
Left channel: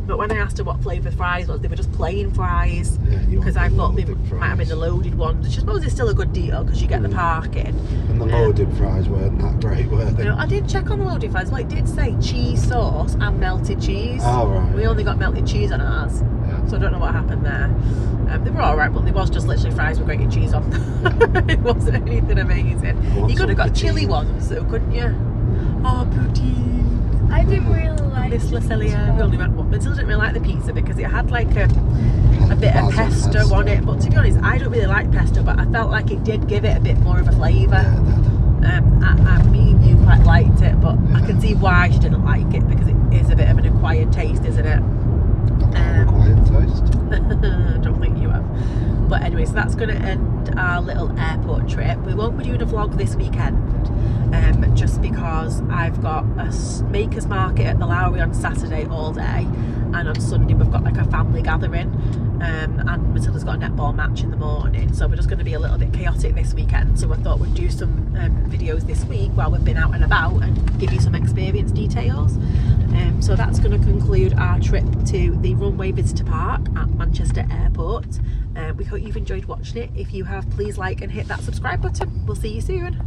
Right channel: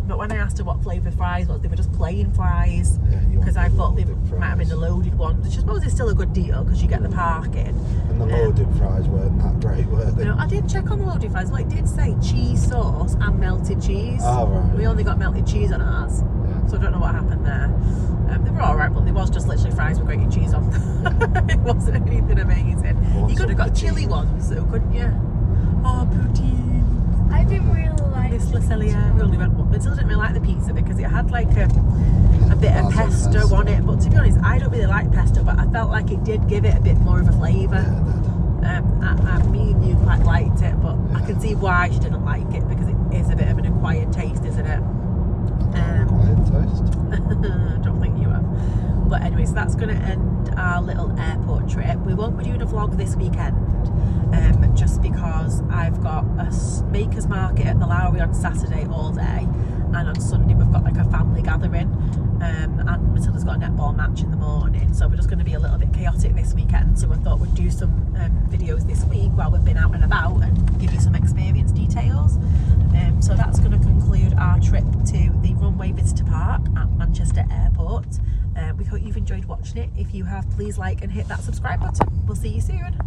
But when I asked her what flavour fries was, they were just plain fries, you because I want the thought they loaded might have been the loaded ones, which I suppose is still a good deal because you get the parking. And the loaded fries weren't that great, were they? You know, I did check on the loaded fries. Well, it did say cheese sauce and melted cheese. Oh, right. We only got melted cheese on ours, so I don't know what happened there. They were alright, but there was just literally fries with grated cheese on. It wasn't anything amazing. You could have got chili ones though, couldn't you? Oh, poutine. I didn't really like Miss Lacelia. We only went one. Matilda didn't really like the pizza because it had like a bit of pesto on it. But to be honest, I don't really like pesto, but I felt like it did give it a bit more of a flavour. Me and you quite liked it, but I can see why she didn't like it because it is a bit of an acquired taste, isn't it? Quiet taste. I don't think you have. But anyway, so that's going to end our little airport trip. We won't be doing a vlog this weekend, just because I've got a makers market at the Lowry on Saturday all day, and on Sunday we've got like a family gathering, and Matilda's got a netball match in the morning, so we're just going to be a little bit chaotic this weekend. So I thought we'd do some videos this week while we've been out and about and give you some experience details. So that's going to conclude our trip to the Runway Visitor Park at Manchester Airport. We hope you've enjoyed watching it. If you have, please like and hit that subscribe button. We'll see you soon.